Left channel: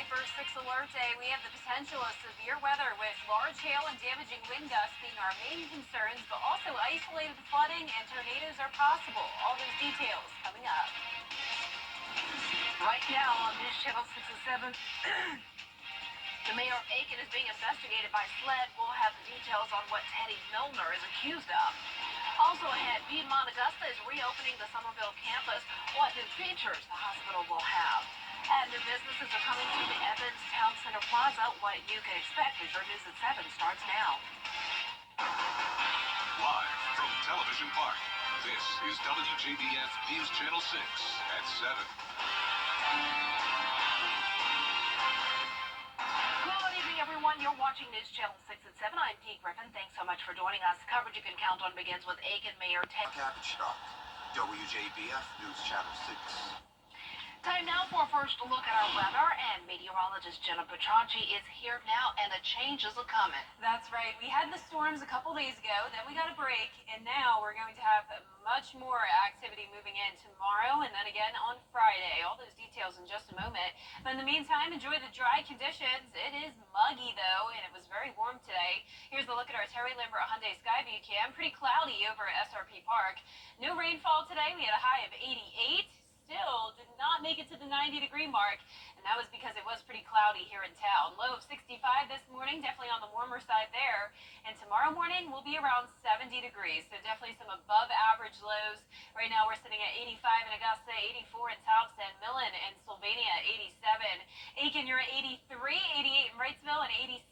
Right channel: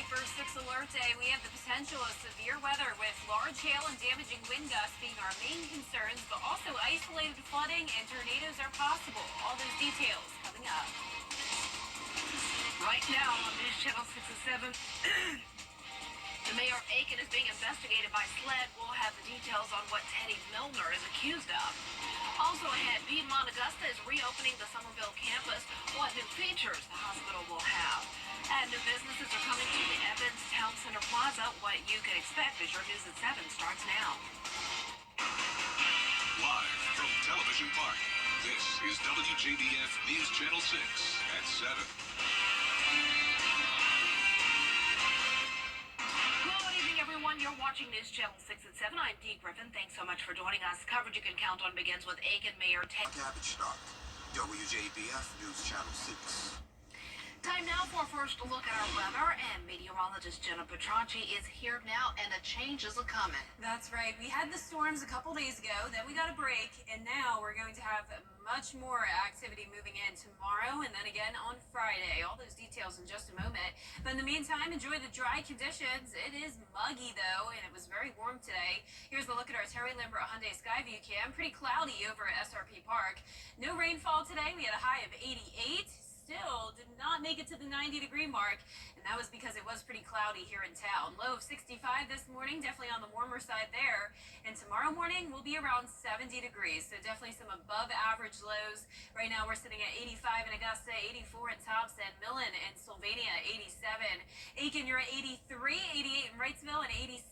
tonight for 6 Alert Day, we have the potential of severe weather with large hail and damaging wind gusts being our main concerns, but also isolated flooding and tornadoes are possible. All those details coming up. Right now on News Channel 6 and 7, the mayor of Aiken is being investigated by SLED. We'll have the details on what Teddy Milner is accused of. Also ahead, Piedmont Augusta is reopening the Somerville campus. What new features the hospital will have. And new businesses are coming to the Evans Town Center Plaza. What you can expect as your News at 7 starts now. Live from Television Park, this is WJBF News Channel 6 at 7. Good evening, everyone. You're watching News Channel 6 at 7. I'm Dee Griffin. Thanks so much for joining us. Coverage you can count on begins with Aiken Mayor Ted. WJBF News Channel 6. Time now for a first look at our weather, and meteorologist Jenna Petranci is here now, and a change is a-coming. That's right. We had the storms a couple days ago, then we got a break, and now we're going to have much more activity moving in tomorrow and then again on Friday. All those details in just a moment. But in the meantime, enjoy the dry conditions. It is muggy, though, and it was very warm today. Here's a look at our Terry Lambert Hyundai Skyview cam. Pretty cloudy over at SRP Park. No rainfall today. We had a high of 88. Still did not make it to the 90-degree mark, and that was because it was pretty cloudy here in town. Low of 65 this morning, definitely on the warmer side there, and tomorrow morning will be around 70 degrees, so definitely some above average lows. Right now we're sitting at 85 in Augusta, 84 in Thompson, Millen and Sylvania 87, Aiken you're at 83, 88 in Wrightsville, and 86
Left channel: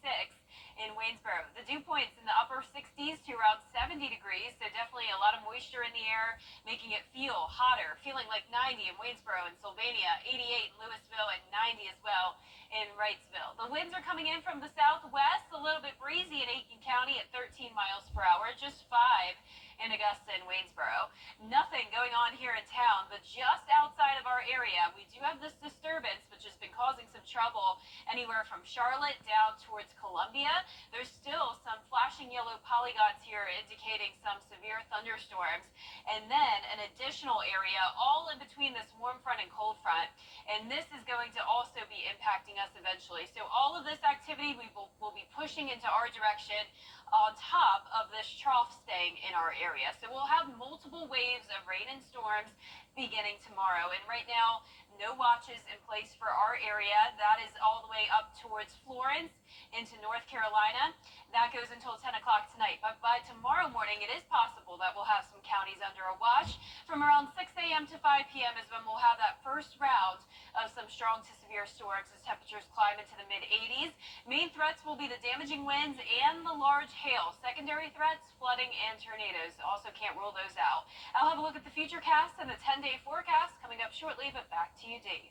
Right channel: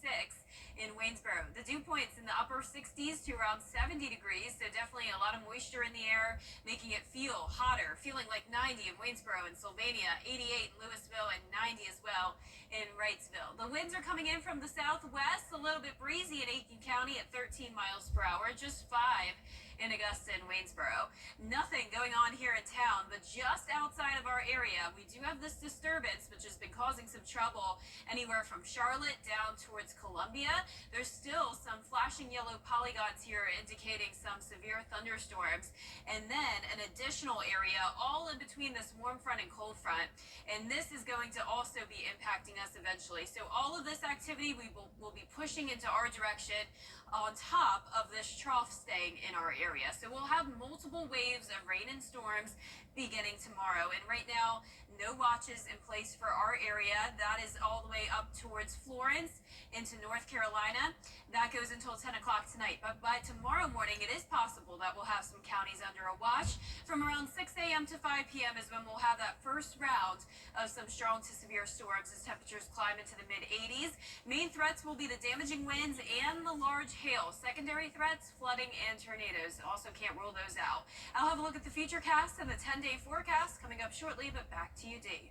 in Waynesboro. The dew points in the upper 60s to around 70 degrees, so definitely a lot of moisture in the air, making it feel hotter, feeling like 90 in Waynesboro and Sylvania, 88 in Louisville, and 90 as well in Wrightsville. The winds are coming in from the southwest, a little bit breezy in Aiken County at 13 miles per hour, just 5 in Augusta and Waynesboro. Nothing going on here in town, but just outside of our area, we do have this disturbance, which has been causing some trouble anywhere from Charlotte down towards Columbia. There's still some flashing yellow polygons here indicating some severe thunderstorms. And then an additional area all in between this warm front and cold front. And this is going to also be impacting us eventually. So all of this activity we will be pushing into our direction on top of this trough staying in our area. So we'll have multiple waves of rain and storms beginning tomorrow. And right now, no watches in place for our area. That is all the way up towards Florence into North Carolina. That goes until 10 o'clock tonight. But by tomorrow morning, it is possible that we'll have some counties under a watch. From around 6 a.m. to 5 p.m. is when we'll have that first round of some strong to severe storms as temperatures climb into the mid-80s. Main threats will be the damaging winds and the large hail. Secondary threats, flooding, and tornadoes. Also can't rule those out. I'll have a look at the future cast and the 10-day forecast coming up shortly, but back to you, Dee.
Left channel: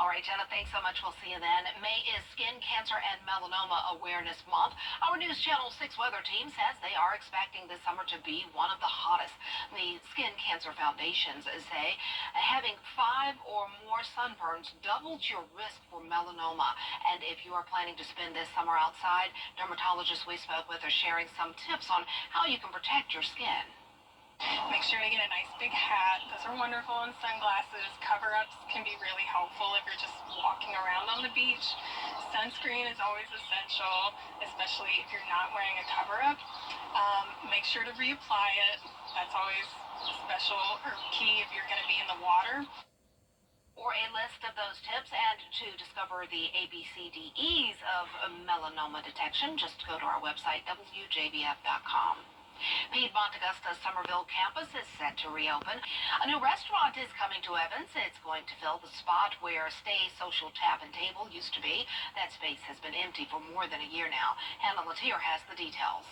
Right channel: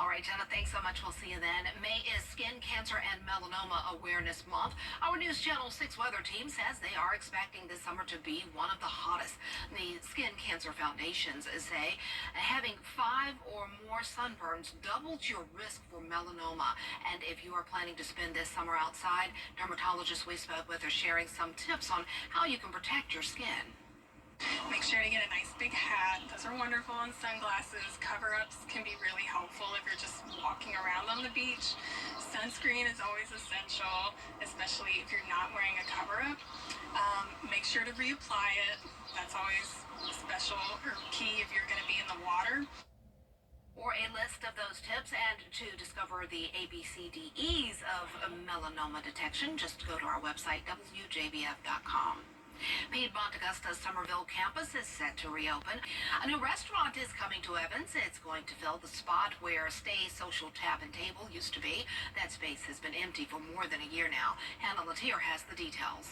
All right, Jenna, thanks so much. We'll see you then. May is Skin Cancer and Melanoma Awareness Month. Our News Channel 6 weather team says they are expecting this summer to be one of the hottest. The Skin Cancer Foundations say having 5 or more sunburns doubles your risk for melanoma. And if you are planning to spend this summer outside, dermatologists we spoke with are sharing some tips on how you can protect your skin. Make sure to get a nice big hat. Those are wonderful, and sunglasses. Cover-ups can be really helpful if you're just walking around on the beach. Sunscreen is always essential, especially if you're not wearing a cover-up. Make sure to reapply it. That's always special or key if you're going to be in the water. For a list of those tips and to discover the ABCDEs of melanoma detection, just go to our website, WJBF.com. Piedmont Augusta's Somerville campus is set to reopen. A new restaurant is coming to Evans. It's going to fill the spot where Stay Social Tap and Table used to be. That space has been empty for more than a year now. Hannah Latier has the details.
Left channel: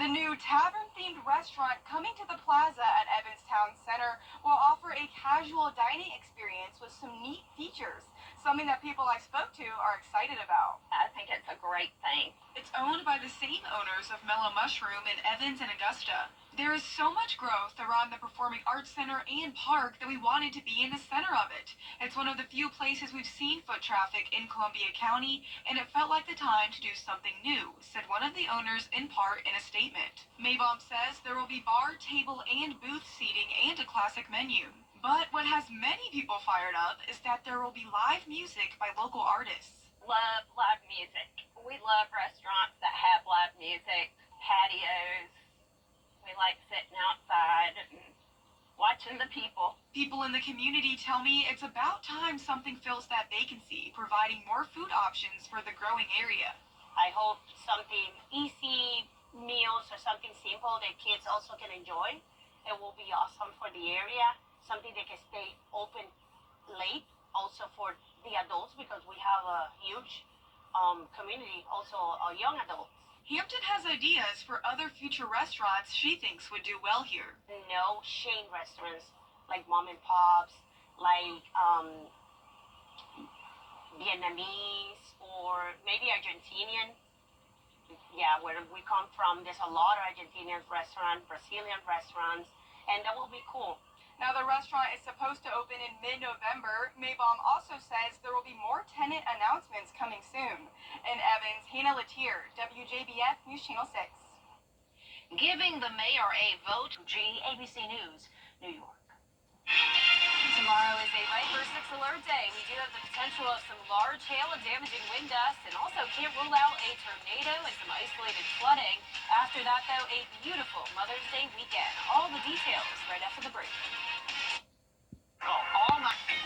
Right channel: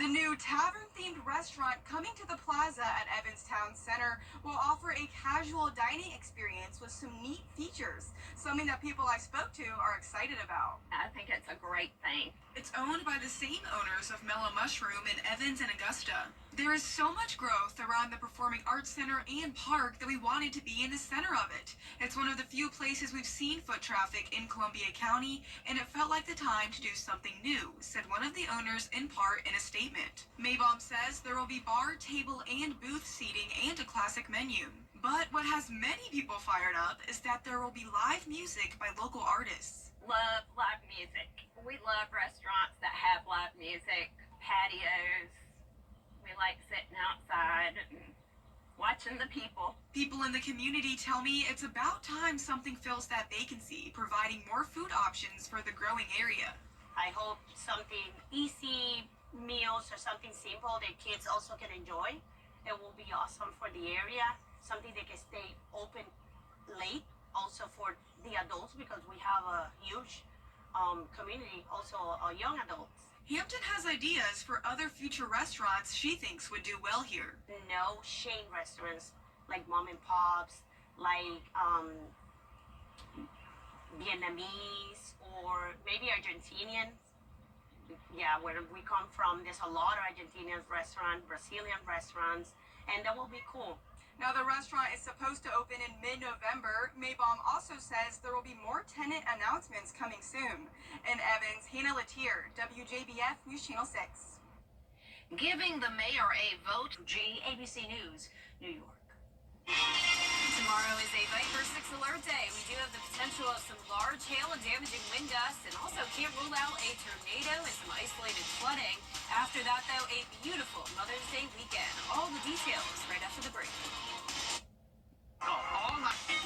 The new tavern-themed restaurant coming to the plaza at Evans Town Center will offer a casual dining experience with some neat features, something that people I spoke to are excited about. I think it's a great thing. It's owned by the same owners of Mellow Mushroom in Evans and Augusta. There is so much growth around the Performing Arts Center and park that we wanted to be in the center of it. It's one of the few places we've seen foot traffic in Columbia County, and it felt like the time to do something new, said one of the owners in part in a statement. Maybaum says there will be bar, table, and booth seating and a classic menu. But what has many people fired up is that there will be live music by local artists. Love live music. We love restaurants that have live music, patios. We like sitting outside and watching the people. People in the community tell me it's about time something fills that vacancy, providing more food options for the growing area. I hope something easy meals or something simple that kids also can enjoy. It will be awesome for the area. Something that can stay open late, also for the adults because we have a huge community, also young adults. Hampton has ideas for other future restaurants she thinks would do well here. No chain restaurants like mom and pops, like Vietnamese or maybe Argentinian. Yeah, where we come from, there's a lot of Argentinian restaurants, Brazilian restaurants, and that will be cool. Now, the restaurant is supposed to open in mid-November. Maybaum also says there will be more tenant announcements coming soon. In Evans, Hannah Latier, WJBF News Channel 6. Giving the mayor a vote. WJBC News, New York. Tomorrow is a Viper 6 alert day. We do have the potential of some large hail and damaging wind gusts, and also can't rule out a tornado and some isolated flooding. After that, though, a beautiful Mother's Day weekend. All the details right after the break. All night.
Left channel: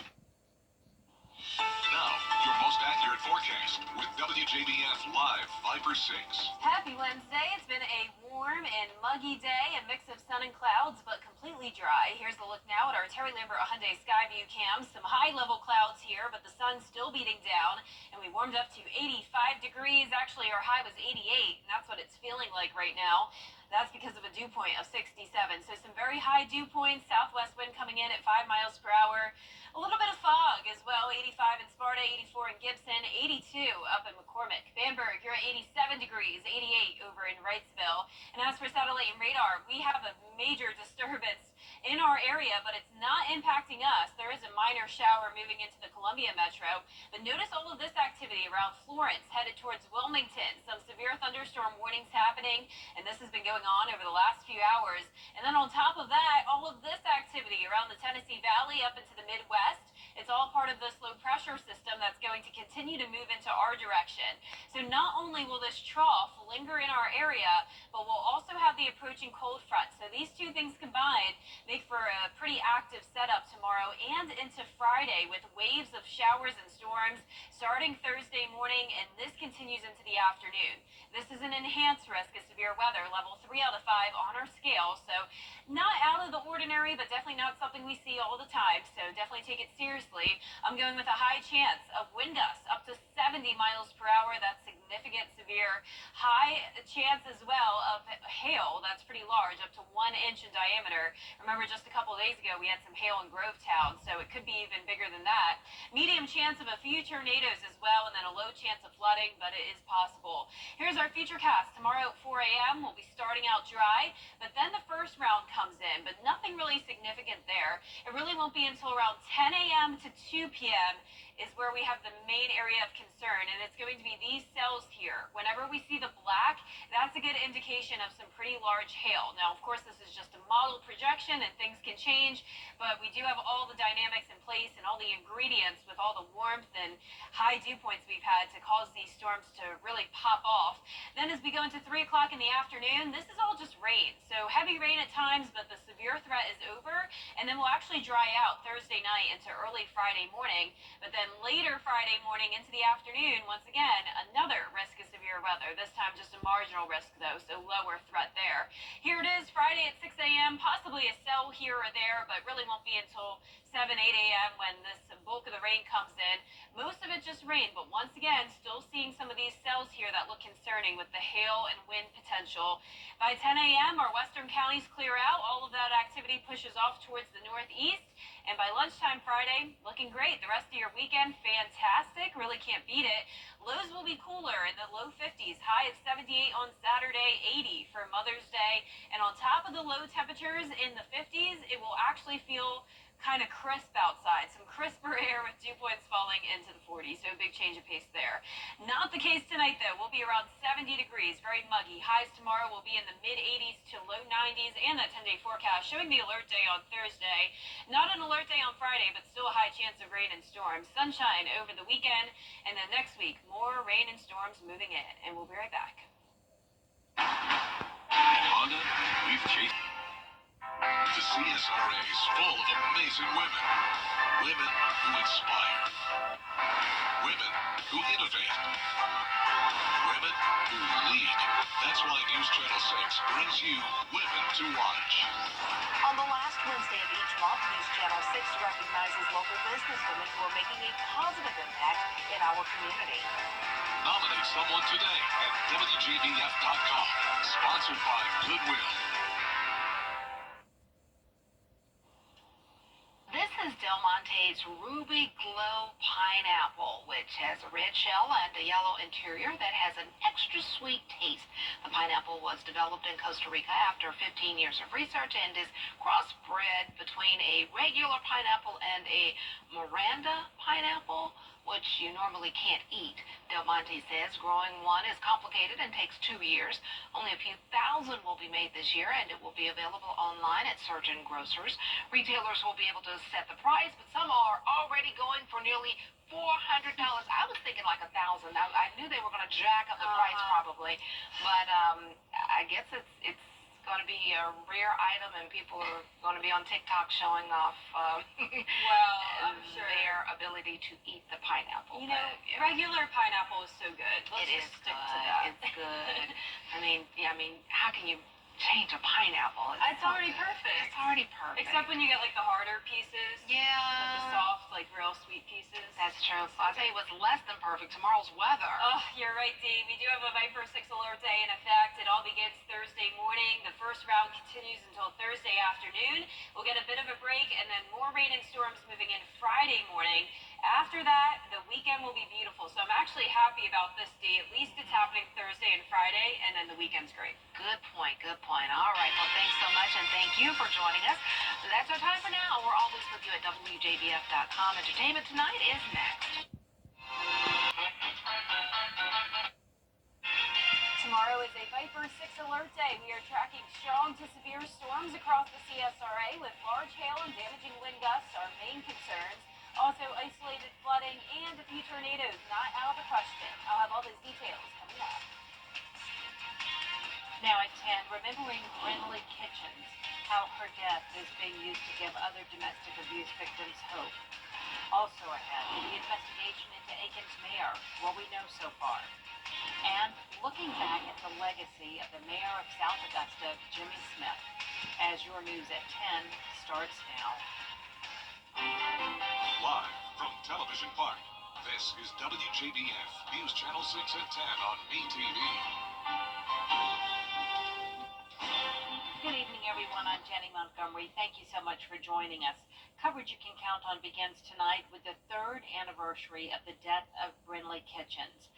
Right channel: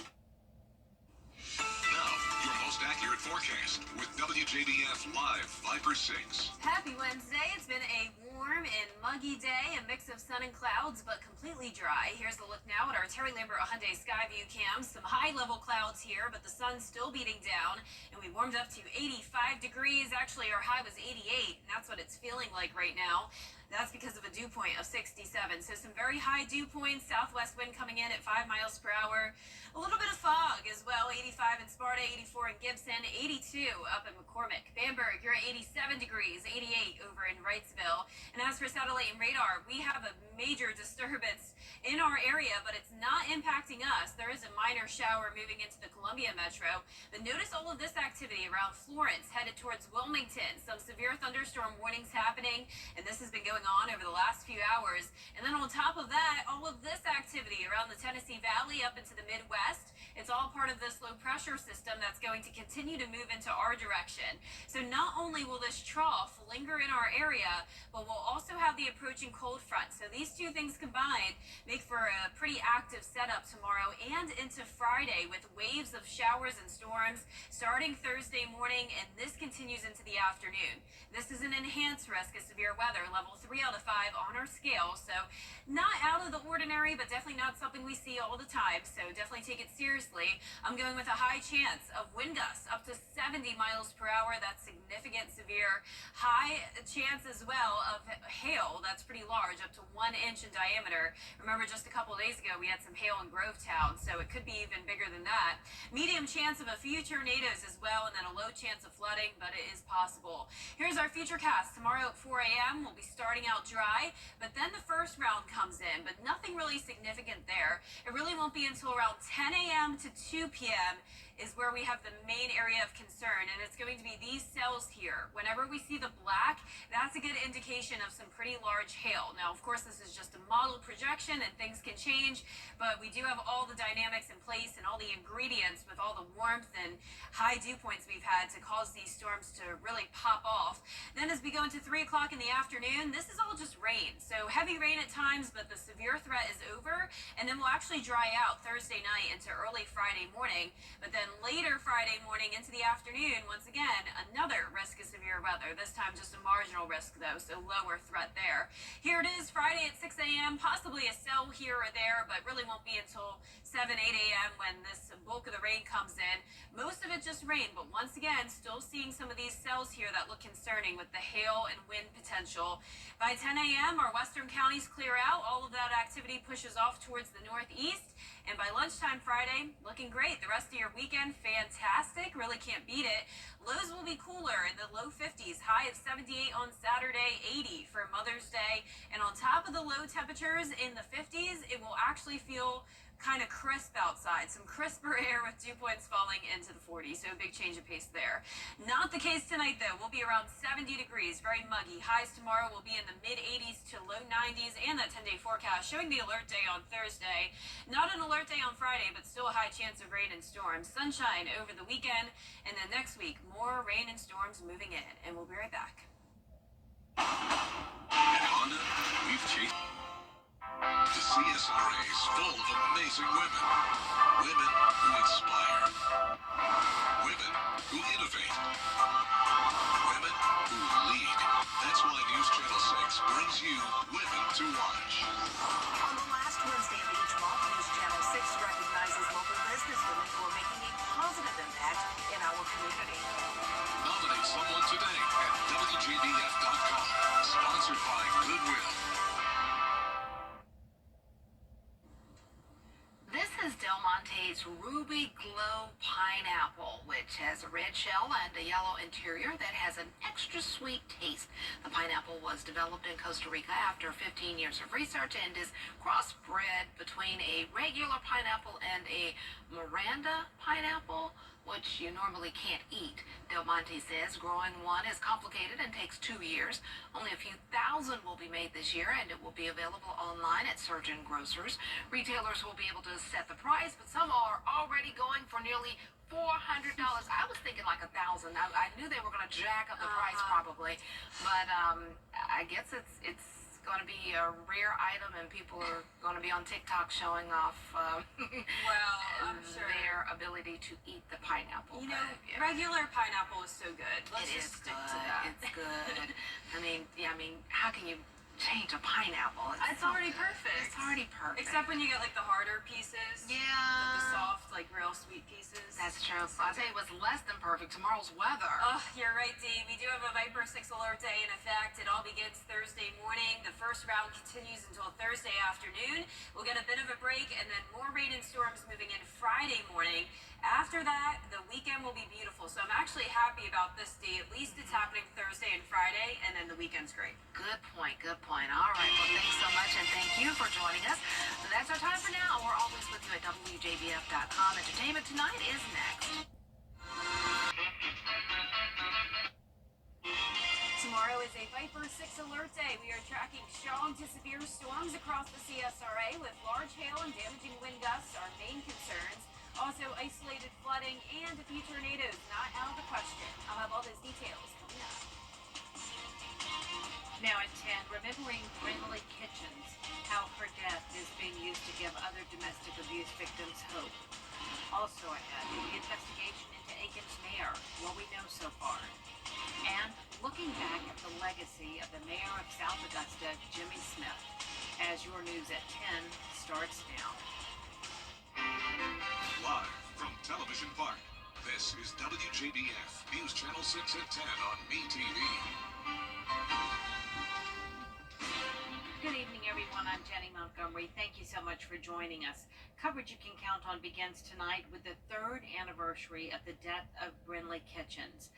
Now, your most accurate forecast with WJBF Live Viper 6. Happy Wednesday. It's been a warm and muggy day, a mix of sun and clouds, but completely dry. Here's a look now at our Terry Lambert Hyundai Skyview cam. Some high-level clouds here, but the sun's still beating down, and we warmed up to 85 degrees. Actually, our high was 88, and that's what it's feeling like right now. That's because of a dew point of 67. So some very high dew points, southwest wind coming in at 5 miles per hour. A little bit of fog as well, 85 in Sparta, 84 in Gibson, 82 up in McCormick. Bamberg, you're at 87 degrees, 88 over in Wrightsville. And as for satellite and radar, we have a major disturbance in our area, but it's not impacting us. There is a minor shower moving into the Columbia metro, but notice all of this activity around Florence, headed towards Wilmington. Some severe thunderstorm warnings happening, and this has been going on over the last few hours. And then on top of that, all of this activity around the Tennessee Valley up into the Midwest. It's all part of this low pressure system that's going to continue to move into our direction. So not only will this trough linger in our area, but we'll also have the approaching cold front. So these two things combined make for a pretty active setup tomorrow and into Friday, with waves of showers and storms starting Thursday morning, and this continues into the afternoon. This is an enhanced risk of severe weather, level 3 out of 5 on our scale. So not out of the ordinary, but definitely not something we see all the time. So definitely take it seriously. I'm going with a high chance of wind gusts up to 70 miles per hour. That's significant, severe. High chance as well of hail. That's pretty large, up to 1 inch in diameter. Remember, just a couple days ago, we had some hail in Grovetown, so it could be even bigger than that. Medium chance of a few tornadoes as well, and then a low chance of flooding, but it is possible. Here's our futurecast. Tomorrow at 4 a.m., we'll be starting out dry, but then the first round comes in, but nothing really significant there. It really won't be until around 10 a.m. to 2 p.m. is where we have the main area of concern, and it's going to be these cells here. Whenever we see the black, that's a good indication of some pretty large hail. Now, of course, this is just a model projection, and things can change, but we do have all the dynamics in place and all the ingredients with all the warmth and high dew points we've had to cause these storms to really pop off. Then as we go into 3 o'clock in the afternoon, this is all just rain. So heavy rain at times, but the severe threat is over, and then we'll actually dry out Thursday night into early Friday morning. But then later Friday morning into the afternoon, once again, another risk of severe weather. This time just a marginal risk, though, so lower threat there. Here it is, Friday at 6 a.m., possibly a cell here or there, but really won't be until 7, 8 a.m. when this bulk of the rain comes in. Most of it just rain, but once again, still seeing some of these cells here that look concerning with the hail and wind potential. By 10 a.m., our western counties clear out. All of that activity pushes off towards the northeast. And by lunchtime Friday, looking great. The rest of your weekend, fantastic. Really can't beat it. Lows will be cooler in the low 50s. High of 78 on Saturday, 80 for Mother's Day. And on top of the low temperatures in the 50s, it will actually feel kind of crisp outside. Some crisper air with dew points falling into the 40s, so a big change of pace there. Not the case tonight, though. We'll be around 70 degrees, very muggy. Highs tomorrow will be in the mid-80s to low 90s, and that 10-day forecast showing the alert day on Thursday. Not an alert day on Friday, but still a high chance of rain and storms. Sunshine over the weekend, and then next week, more rain and storms moving in. And we'll be right back. At Honda, we've chased. The CSRA is full of amazing women. Women who inspire. Women who innovate. Women who lead. That's why News Channel 6 brings you Women to Watch. On the last Wednesday of each month, News Channel 6 recognizes local businesswomen who are making a positive impact in our community. Nominate someone today at WJBF.com. Sponsored by Goodwill. This is Del Monte's Ruby Glow Pineapple, which has a red shell and a yellow interior that has an extra sweet taste. The pineapple was developed in Costa Rica after 15 years of research and is crossbred between a regular pineapple and a Miranda pineapple, which you normally can't eat. Del Monte says growing one is complicated and takes 2 years. Only a few thousand will be made this year, and it will be available online at certain grocers. Retailers will be able to set the price, but some are already going for nearly $400. I was thinking like $1,000. I knew they were going to jack up the price probably, but I guess it's going to be a rare item, and people are going to be on TikTok showing off Well, I'm sure their ability to eat the pineapple. You know, but, yeah. regular pineapple is so good. Let's It is just stick good. to that. It's good. I mean, how can you change a pineapple? It's so already good. perfect. It's already perfect. Except when you get like the harder pieces. Yeah. Like the soft, like real sweet pieces. That's true. I'll tell you what's less than perfect. Tomorrow's weather. Oh, you're right, Dee. We do have a Viper 6 alert day in effect. It all begins Thursday morning. The first round continues until Thursday afternoon. We'll get a bit of a break, and then more rain and storms moving in Friday morning. After that, the weekend will be beautiful. So I'm actually happy about this, Dee. At least it's happening Thursday and Friday, and then the weekend's great. Good point. Good point. All right. Well, thanks so much, and thank you for joining us. So that's our time for now. We're always with you at WJBF.com. Entertainment Tonight is next. Tomorrow is a Viper 6 alert day. We are tracking strong to severe storms across the CSRA with large hail and damaging wind gusts our main concerns. Also isolated flooding and a few tornadoes not out of the question. I'll have all those details coming up. Now at 10, remembering Brinley Kitchens, how her death is being used to give other domestic abuse victims hope. Also ahead, the investigation into Aiken's mayor, what we know so far. And looking back at the legacy of the mayor of South Augusta, Jimmy Smith, as your news at 10 starts now. Live from Television Park, this is WJBF News Channel 6 at 10 on MeTV. Good evening, everyone. I'm Jenny Montgomery. Thank you so much for joining us. Coverage you can count on begins tonight with the 3rd anniversary of the death of Brinley Kitchens.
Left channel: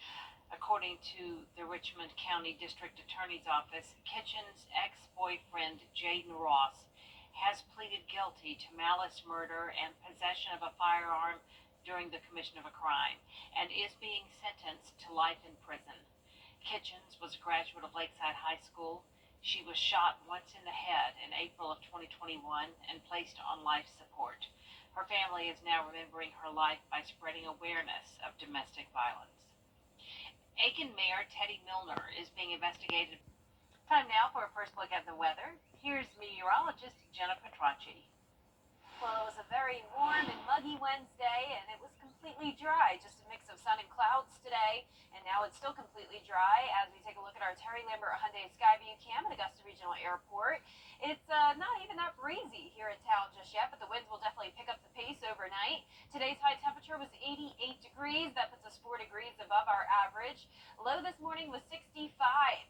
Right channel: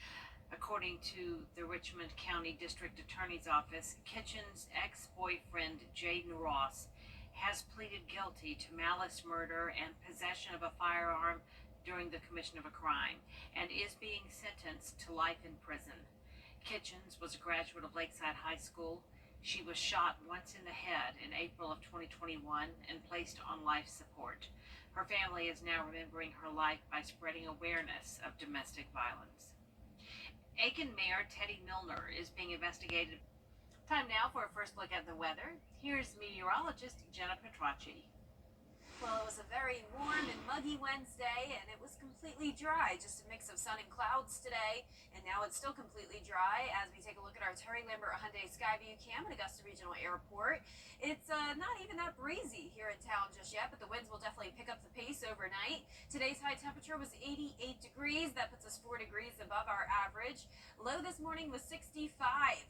According to the Richmond County District Attorney's Office, Kitchens' ex-boyfriend, Jaden Ross, has pleaded guilty to malice murder and possession of a firearm during the commission of a crime, and is being sentenced to life in prison. Kitchens was a graduate of Lakeside High School. She was shot once in the head in April of 2021 and placed on life support. Her family is now remembering her life by spreading awareness of domestic violence. Aiken Mayor Teddy Milner is being investigated. Time now for a first look at the weather. Here's meteorologist Jenna Petracci. Well, it was a very warm and muggy Wednesday, and it was completely dry. Just a mix of sun and clouds today, and now it's still completely dry as we take a look at our Terry Lambert Hyundai Skyview cam at Augusta Regional Airport. It's not even that breezy here in town just yet, but the winds will definitely pick up the pace overnight. Today's high temperature was 88 degrees. That puts us 4 degrees above our average. Low this morning was 65,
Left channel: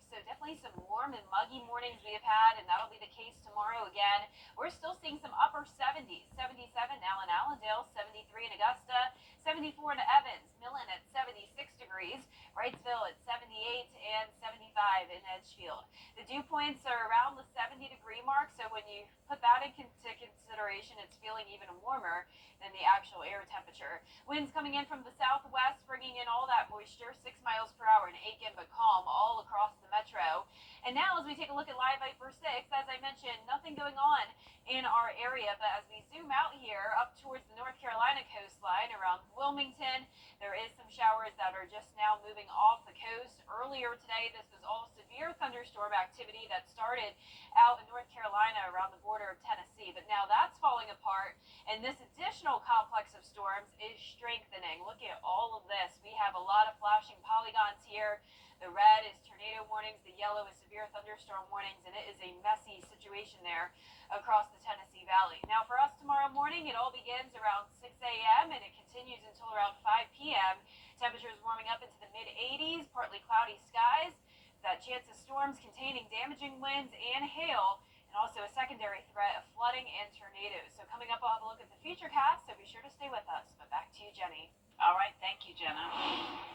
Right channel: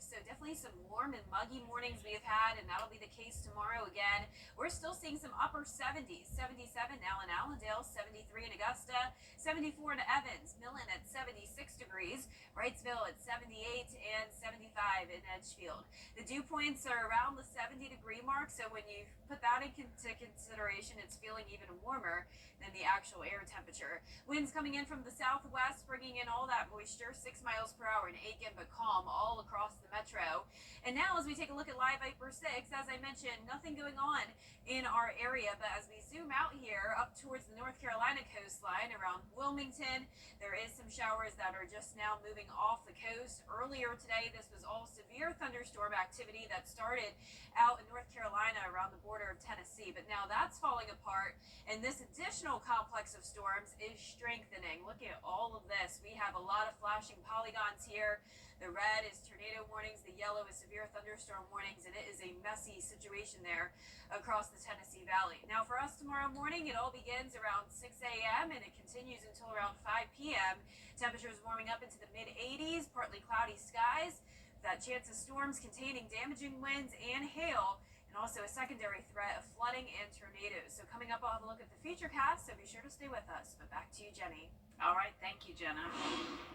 so definitely definitely some warm and muggy mornings we have had, and that'll be the case tomorrow again. We're still seeing some upper 70s, 77 now in Allendale, 73 in Augusta, 74 in Evans, Millen at 76 degrees, Wrightsville at 78, and 75 in Edgefield. The dew points are around the 70-degree mark, so when you put that into consideration, it's feeling even warmer than the actual air temperature. Winds coming in from the southwest, bringing in all that moisture, 6 miles per hour in Aiken, but calm all across the metro. And now as we take a look at Live Viper 6, as I mentioned, nothing going on in our area, but as we zoom out here up towards the North Carolina coastline around Wilmington, there is some showers that are just now moving off the coast. Earlier today, this was all severe thunderstorm activity that started out in North Carolina around the border of Tennessee, but now that's falling apart, and this additional complex of storms is strengthening. Look at all of this. We have a lot of flashing polygons here. The red is tornado warnings, the yellow is severe thunderstorm warnings, and it is a messy situation there across the Tennessee Valley. Now for us tomorrow morning, it all begins around 6 a.m. and it continues until around 5 p.m. Temperatures warming up into the mid-80s, partly cloudy skies, that chance of storms containing damaging winds and hail, and also a secondary threat of flooding and tornadoes. So coming up, I'll have a look at the futurecast, so be sure to stay with us. But back to you, Jenny. All right, thank you, Jenna.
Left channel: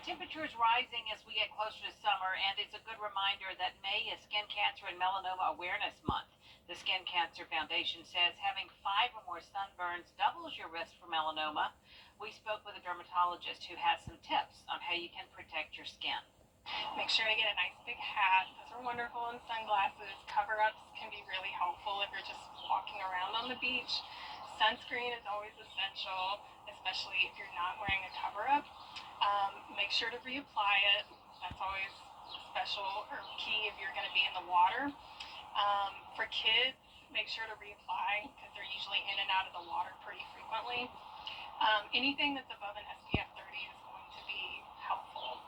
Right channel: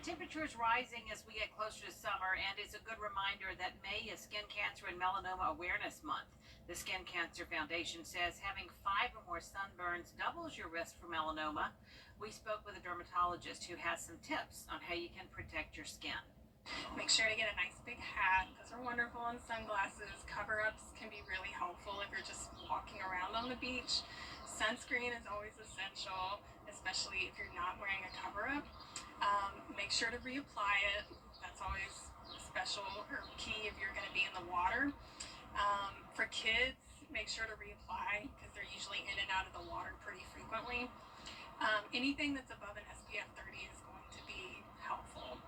Temperatures rising as we get closer to summer, and it's a good reminder that May is Skin Cancer and Melanoma Awareness Month. The Skin Cancer Foundation says having 5 or more sunburns doubles your risk for melanoma. We spoke with a dermatologist who has some tips on how you can protect your skin. Make sure to get a nice big hat. Those are wonderful, and sunglasses. Cover-ups can be really helpful if you're just walking around on the beach. Sunscreen is always essential, especially if you're not wearing a cover-up. Make sure to reapply it. That's always special or key if you're going to be in the water. For kids, make sure to reapply because they're usually in and out of the water pretty frequently. Anything that's above an SPF 30 is going to be helpful.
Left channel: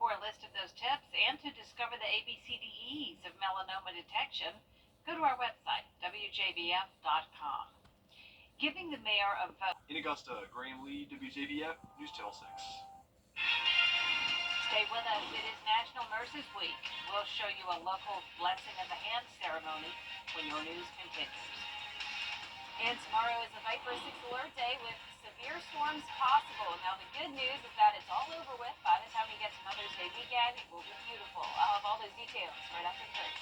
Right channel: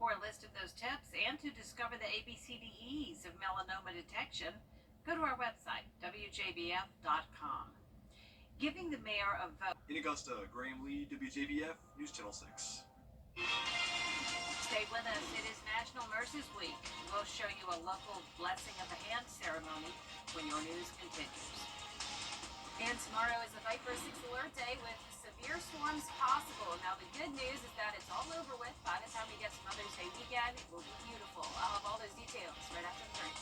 For a list of those tips and to discover the ABCDEs of melanoma detection, go to our website, WJBF.com. Giving the mayor a vote. In Augusta, Graham Lee, WJBF, News Channel 6. Stay with us. It is National Nurses Week. We'll show you a local blessing of the hand ceremony when your news continues. And tomorrow is the Viper 6 Alert Day with severe storms possible. Now, the good news is that it's all over with. By the time we get to Mother's Day weekend, it will be beautiful. I'll have all those details right after the break.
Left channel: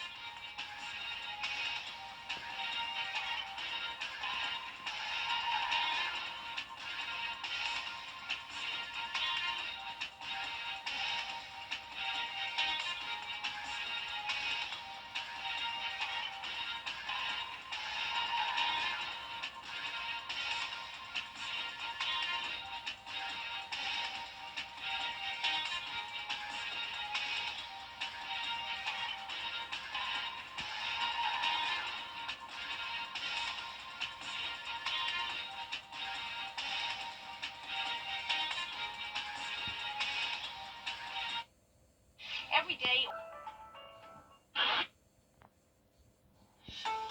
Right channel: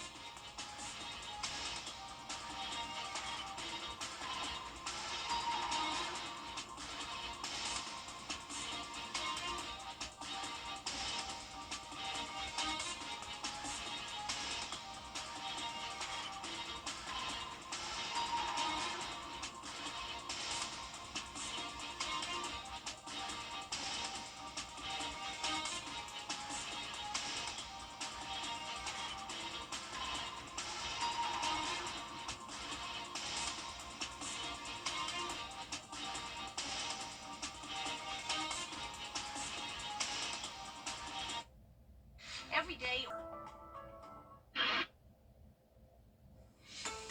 Every day.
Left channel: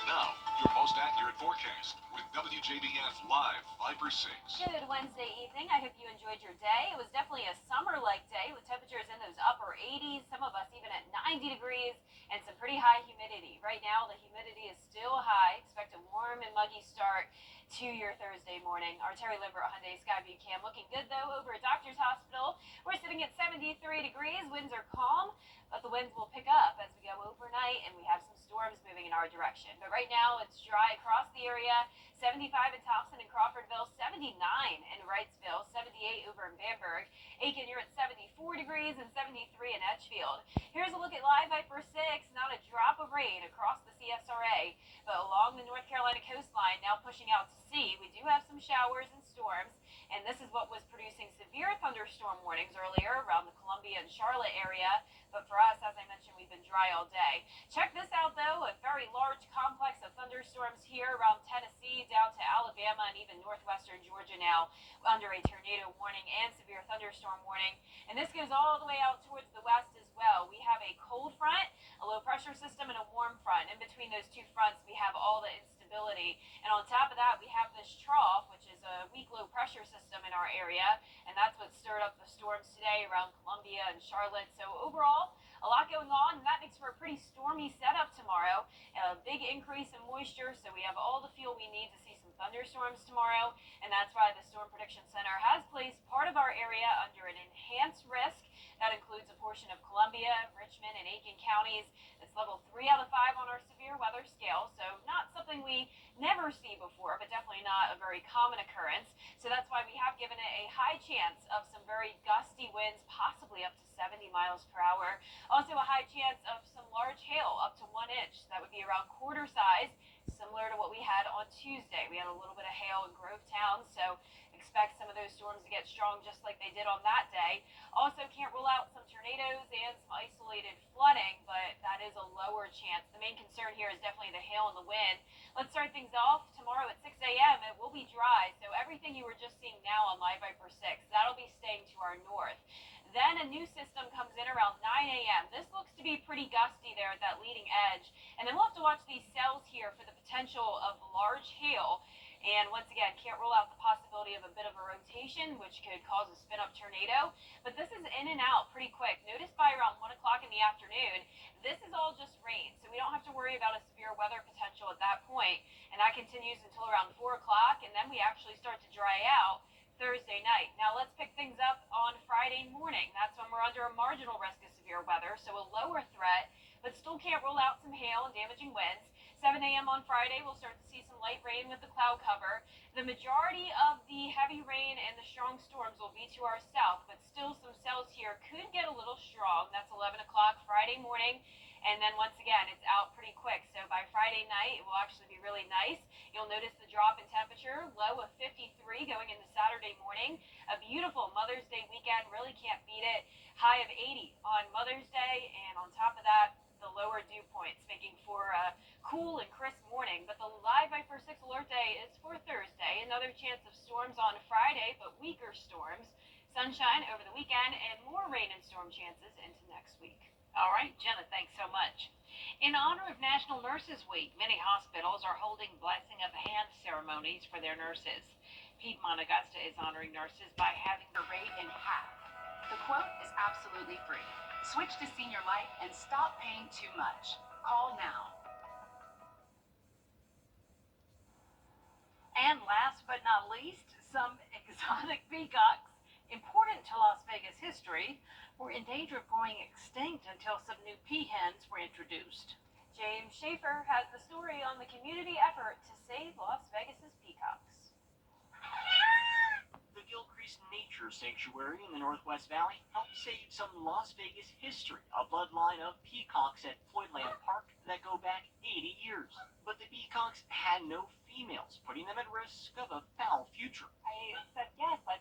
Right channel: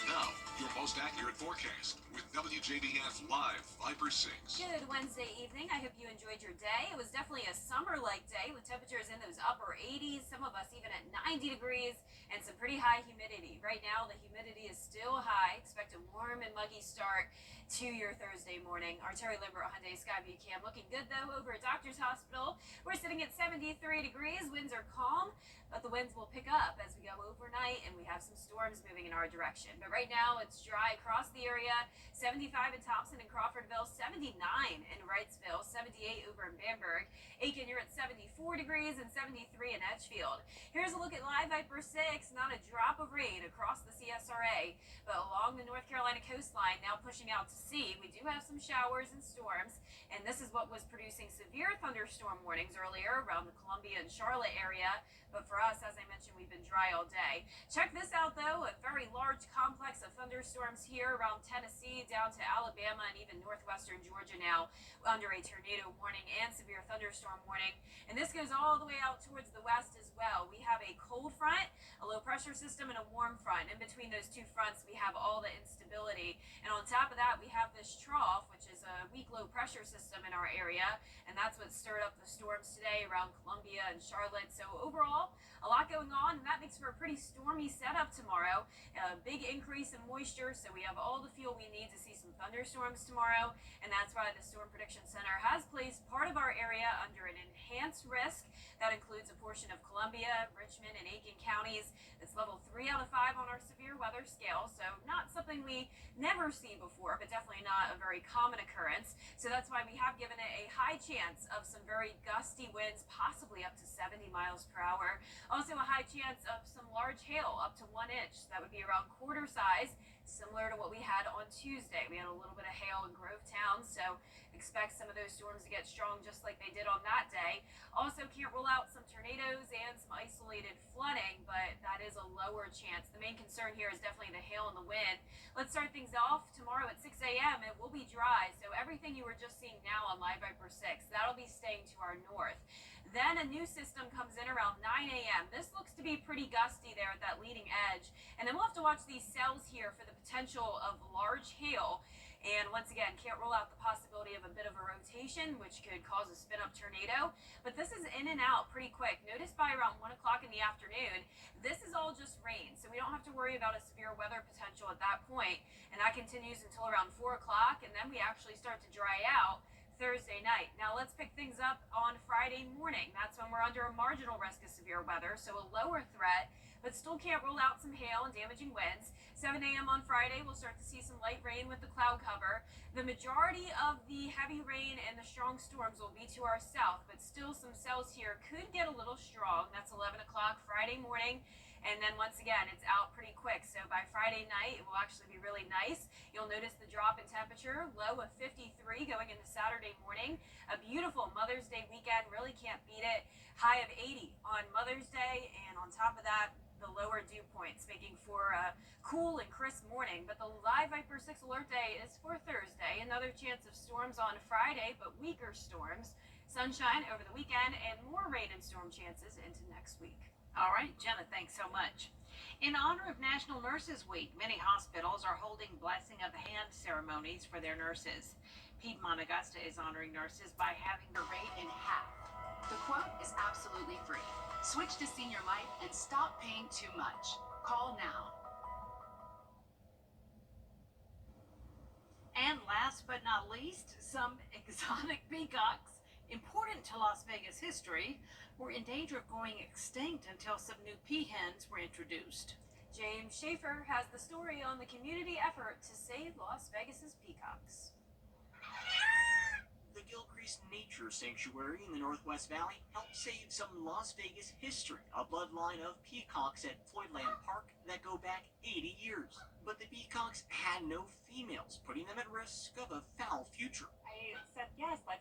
Now, your most accurate forecast with WJBF Live Viper 6. Good Wednesday evening. I hope you enjoyed your day. It was definitely a summer-like day with temperatures in those upper 80s, some of us even at 90 degrees, and some pretty high humidity. Right now, the humidity is still high. Expect a warm and muggy start to your Thursday morning. Our Terry Limbert Hyundai Skyview Cam looking good, though, over at Doctor's Hospital. We're sitting at 73 degrees. Winds are calm, but the winds will pick up as we go overnight, and we have some storms moving in our direction. But right now, it's dry across the area. 75 in Thompson and Crawfordville, 79 in Wrightsville, 78 over in Bamberg. Aiken, you're at 74 degrees and 73 in Edgefield. Here's a look at Live Viper 6. Not a drop of rain across the CSRA, but along the North Carolina coastline, now pushing out to sea, we do have some showers and storms, and this is what was producing severe thunderstorm warnings earlier around the Columbia and Charlotte area. But for us, as I mentioned, we've been dry all day. Check this out, though, a very large complex of thunderstorms here around Tennessee, down to Alabama, and even northwestern Georgia now under a tornado warning and severe thunderstorm warning. And this goes all the way out towards the west as well. We have a cold front, a low pressure system, and a warm front. In between those two fronts, we have all the instability. And on top of that, we have this trough, which is a weak low pressure system in our area. And that's what stirred up the storms today around Columbia and Charlotte. So overall, a A lot going on, and that makes for a pretty stormy setup tomorrow. A big increase in moisture, so we have all the fuel we need to see some thunderstorms tomorrow, and that's why the Storm Prediction Center has placed part of our area under an enhanced risk. That includes a portion of Columbia, Richmond, and Aiken counties. It's level 3 out of 5 on our severe weather scale, so not something we never see before, but definitely not a very common occurrence. So that's why we have given it a high chance of some very gusty winds, possibly up to 70 miles per hour. Also a high chance of some large hail, up to 1 inch. That would be around quarter size, similar to what we had on Tuesday. We had a little bit of hail in Grovetown, so expect some of those storms to get strong just like they did on that day. Also can't rule out some tornadoes and some isolated flooding, but that is a lower chance. The main concern here is definitely the hail and the wind. Let's start things off tomorrow at 6 a.m. It will be dry, so everything you were just seeing now on Live Viper 6, that'll be staying to our north. Then a new system comes in around 9 a.m. This looks to be pretty gusty there at that leading edge. And then we'll have to watch these cells here for the potential of large hail. And once again, can't rule out the possibility of a bit of a rotation, which could cause a spin-up tornado. But this is in and out pretty quick. Notice by around 1 o'clock in the afternoon, this is all just rain. So we don't have to worry about a severe weather potential at that point. And that continues until around 4 o'clock. And then we actually start to dry out Thursday night. Now let's pick things up on Friday morning. That's when we're under a marginal risk of severe weather, so a lower threat, but still can't rule out some hail and damaging winds. 7 a.m. on Friday, we'll start to see some light rain with the cloud cover. The majority of the heavy rain and the strong storms will be to our south, but still some cells here could get a little strong. That's 11 o'clock Friday morning. And then once again, it's out pretty quick. So by Friday night, it will actually be really nice. You'll notice the drop in temperature, low of 53 going into Saturday morning. A beautiful Mother's Day weekend, really can't beat it. High of 80 on Mother's Day, and on top of that, the lower dew points, making for a cool and crisp morning. But the Live Viper 6 alert day is for Thursday. Another chance of storms on Friday, but weaker storms. Sunshine over the weekend, and more rain and storm chances into next week. All right, Jenna, thanks so much. In honor of National Nurses Week, many hospitals are holding blessing of hand ceremonies for their nurses. Piedmont Augusta is honoring nurses by having the rate in half. The quote is absolutely free. Switch to Senior Life and stop paying too much. Call now. And last but not least, some exotic peacocks, important to Las Vegas history, were in danger of going extinct until some new peahens were introduced. James Schaefer has the story on the community effort to save Las Vegas's peacocks. The Gilcrease Nature Sanctuary in the Northwest Valley helped save some Las Vegas history, a bloodline of peacocks at Floydland Park that go back 80 years. But the peacocks had no females, putting them at risk of a foul future. I said, yes, let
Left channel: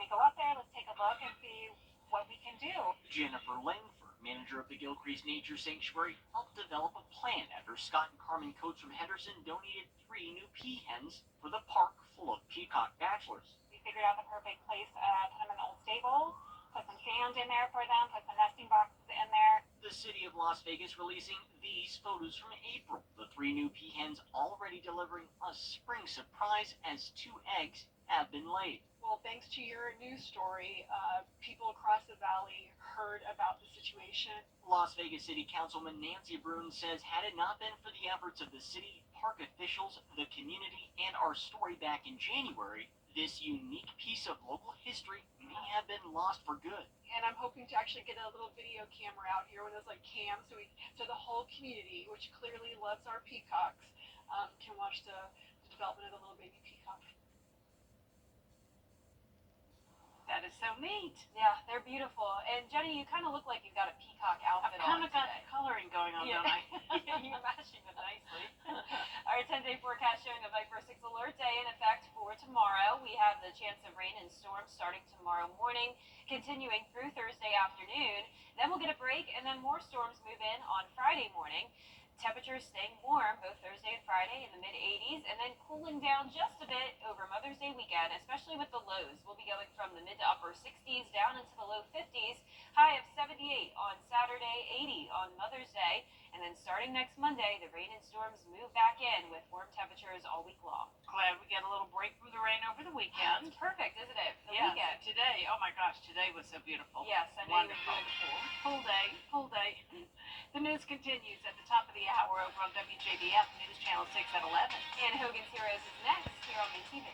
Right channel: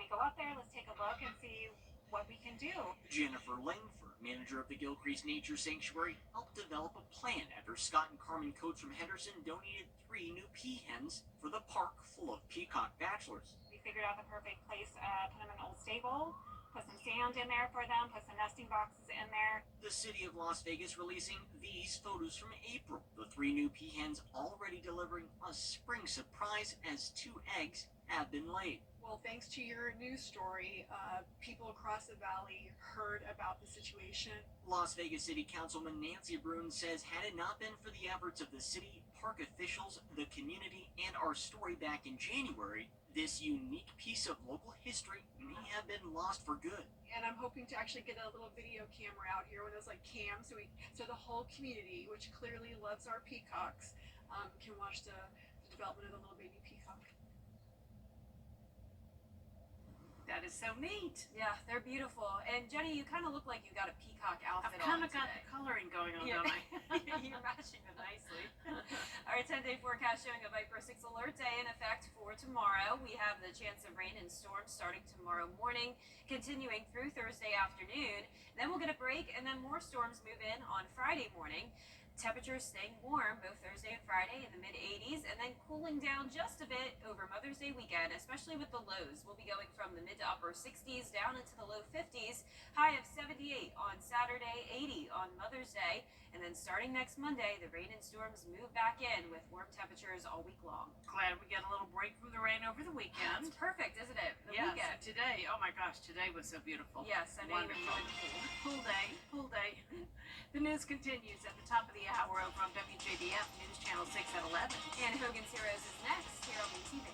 me go out there, let's take a look and see what we can do. Jennifer Langford, manager of the Gilcrease Nature Sanctuary, helped develop a plan after Scott and Carmen Coates from Henderson donated 3 new peahens for the park full of peacock bachelors. We figured out the perfect place, put them in an old stable, put some sand in there for them, put some nesting boxes in there. The city of Las Vegas releasing these photos from April. The 3 new peahens already delivering a spring surprise as 2 eggs have been laid. Well, thanks to your news story, people across the valley heard about the situation. Las Vegas City Councilman Nancy Brune says had it not been for the efforts of the city, park officials, the community, and our story back in January, this unique piece of local history may have been lost for good. And I'm hoping to actually get a little video camera out here, one of those like cams, so the whole community, which clearly loves our peacocks, can watch the development of the little baby peacock. That is so neat. Yeah, they're beautiful. And Jenny, you kind of look like you got a peacock outfit I've kind on of got today. the coloring going on, Yeah. don't I? You're matching it nicely. Our 10-day forecast showing a Viper 6 alert day in effect for tomorrow. We have the chance of rain and storms starting tomorrow morning, continuing through Thursday afternoon. Then we'll get a break, and then more storms move in on Friday morning. Temperatures staying warm both Thursday and Friday in the mid-80s, and then cooling down just a bit over Mother's Day weekend, especially with the lows. We'll be going from the mid to upper 60s down into the low 50s, high of 78 on Saturday, 80 on Mother's Day, and then starting next Monday, the rain and storms move back in with warm temperatures all week long. Glad we got a little break from the rain over the weekend. It's perfect, isn't it? The Yeah, weekend. so today, oh my gosh, today was so beautiful. Yes, I know you Wonderful. enjoyed the pool. Full day, full day. The news continues at the top of the hour over on WJBF News Channel 6 at 11. And Hogan's Heroes is next here on TV.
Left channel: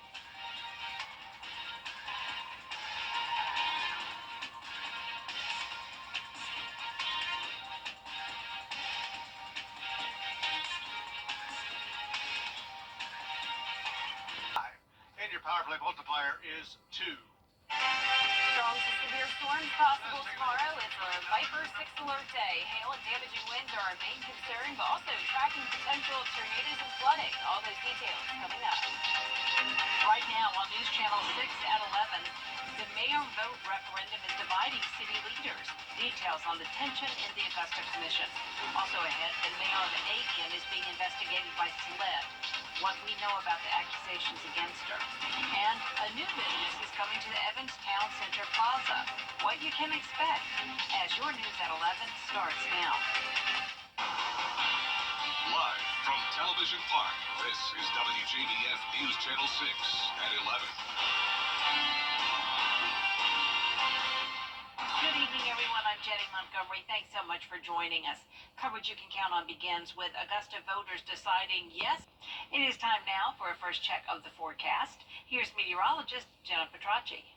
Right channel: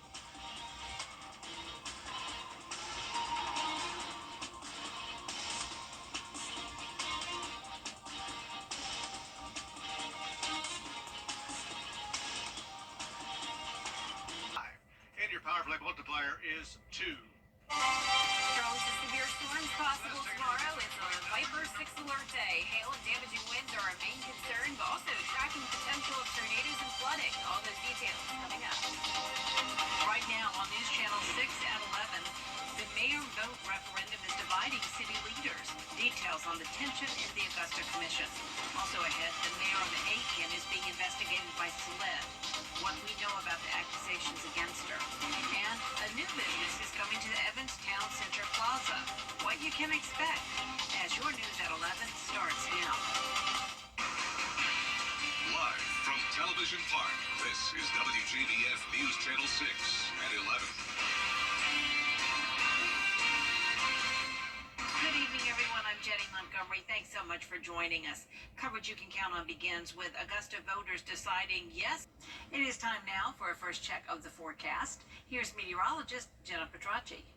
And your power play multiplier is 2. Strong to severe storms possible tomorrow. It's a Viper 6 alert day. Hail and damaging winds are our main concern, but also tracking potential tornadoes and flooding. All those details coming up. Right now on News Channel 6 at 11, the mayor vote referendum is dividing city leaders. Details on the tension in the Augusta Commission. Also ahead, the mayor of Aiken is being investigated by SLED. What we know about the accusations against her. And a new business is coming to the Evans Town Center Plaza. What you can expect as your News at 11 starts now. Live from Television Park, this is WJBF News Channel 6 at 11. Good evening, everyone. I'm Jenny Montgomery. Thanks so much for joining us. Coverage you can count on begins with Augusta voters deciding yes. It is time now for a first check of the forecast. Here's meteorologist Jenna Petracci.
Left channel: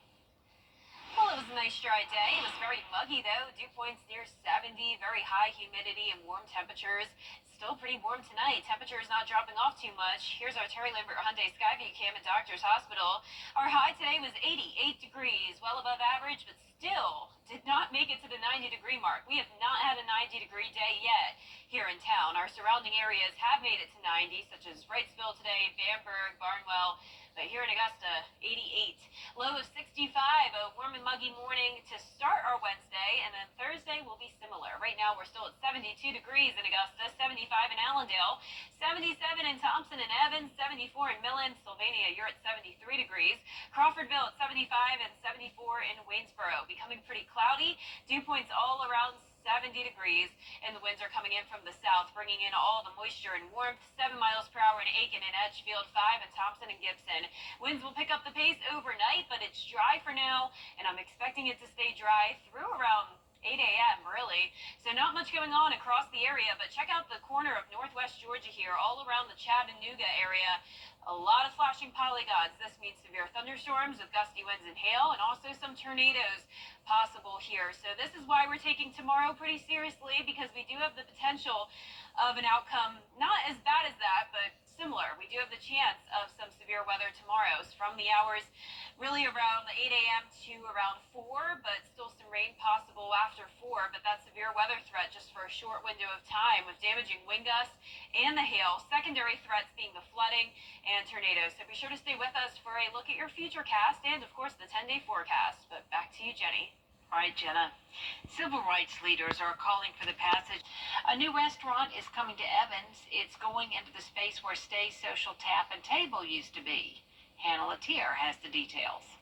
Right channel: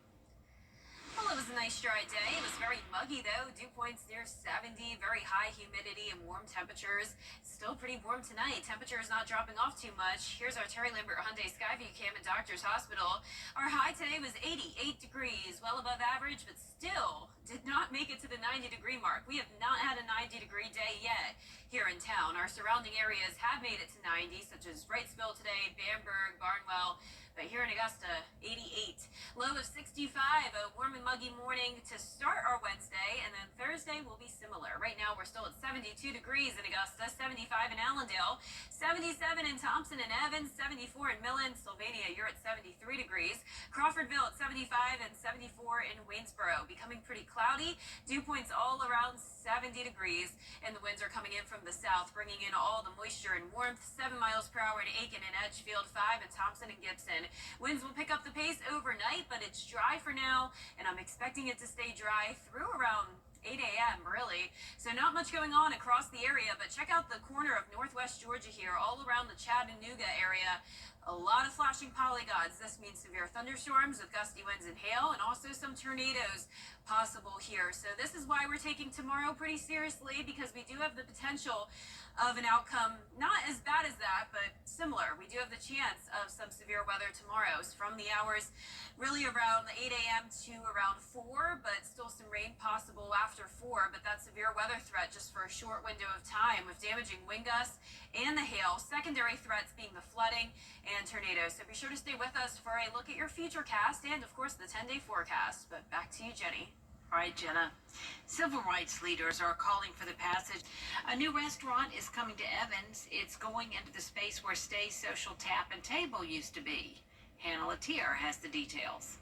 Well, it was a nice dry day. It was very muggy, though. Dew points near 70, very high humidity and warm temperatures. It's still pretty warm tonight. Temperatures not dropping off too much. Here's our Terry Lambert Hyundai Skyview cam at Doctor's Hospital. Our high today was 88 degrees, well above average, but still did not make it to the 90-degree mark. We have not had a 90-degree day yet here in town. Our surrounding areas have made it to 90, such as Wrightsville today, Bamberg, Barnwell. But here in Augusta, 88. Low of 65, a warm and muggy morning to start our Wednesday, and then Thursday will be similar. Right now, we're still at 72 degrees in Augusta, 75 in Allendale, 77 in Thompson and Evans, 74 in Millen. Sylvania, you're at 73 degrees. Crawfordville at 75 and 74 in Waynesboro. Becoming pretty cloudy. Dew points all around 70 degrees, and the winds are coming in from the south, bringing in all the moisture and warmth. 7 miles per hour in Aiken and Edgefield, 5 in Thompson and Gibson. Winds will pick up the pace overnight, but it's dry for now, and I'm expecting it to stay dry through around 8 a.m. really. So not much going on across the area, but check out the corner of northwest Georgia here, all around the Chattanooga area. A lot of flashing polygons. This means severe thunderstorms with gusty winds and hail, and also some tornadoes possible here. So this is why we're taking tomorrow pretty seriously, because we do have the potential of an outcome not as bad as that, but similar. We do have the chance of some severe weather tomorrow from the hours really around 8 a.m. to around 4, but still some rain possible after 4. But that severe weather threat just for a short window of time with damaging wind gusts and the hail. Secondary threats being the flooding and tornadoes. So be sure to stay with us for a look at your future cast and, of course, the 10-day forecast. But back to you, Jenny. All right, Jenna. Civil rights leaders are calling for the passage. A new restaurant is coming to Evans. It's going into the space where Stay's Social Tap and Table used to be. Hannah Latier has the details.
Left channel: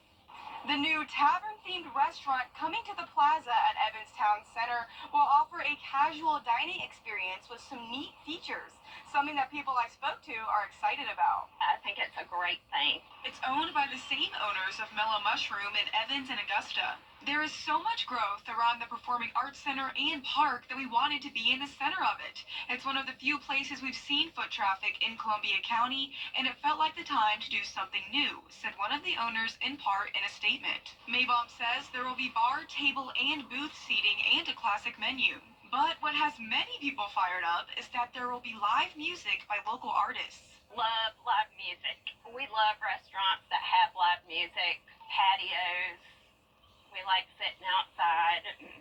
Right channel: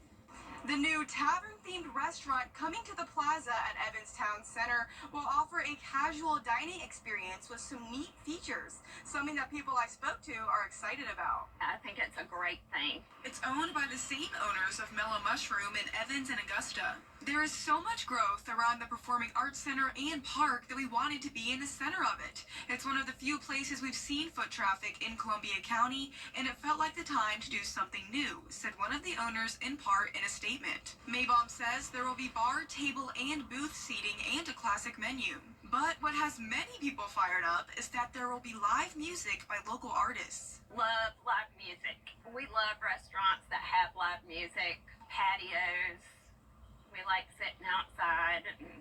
The new tavern-themed restaurant coming to the plaza at Evans Town Center will offer a casual dining experience with some neat features, something that people I spoke to are excited about. I think it's a great thing. It's owned by the same owners of Mellow Mushroom in Evans and Augusta. There is so much growth around the Performing Arts Center and Park that we wanted to be in the center of it. It's one of the few places we've seen foot traffic in Columbia County, and it felt like the time to do something new, said one of the owners in part in a statement. Maybaum says there will be bar, table, and booth seating and a classic menu. But what has many people fired up is that there will be live music by local artists. Love live music. We love restaurants that have live music, patios. We like sitting outside and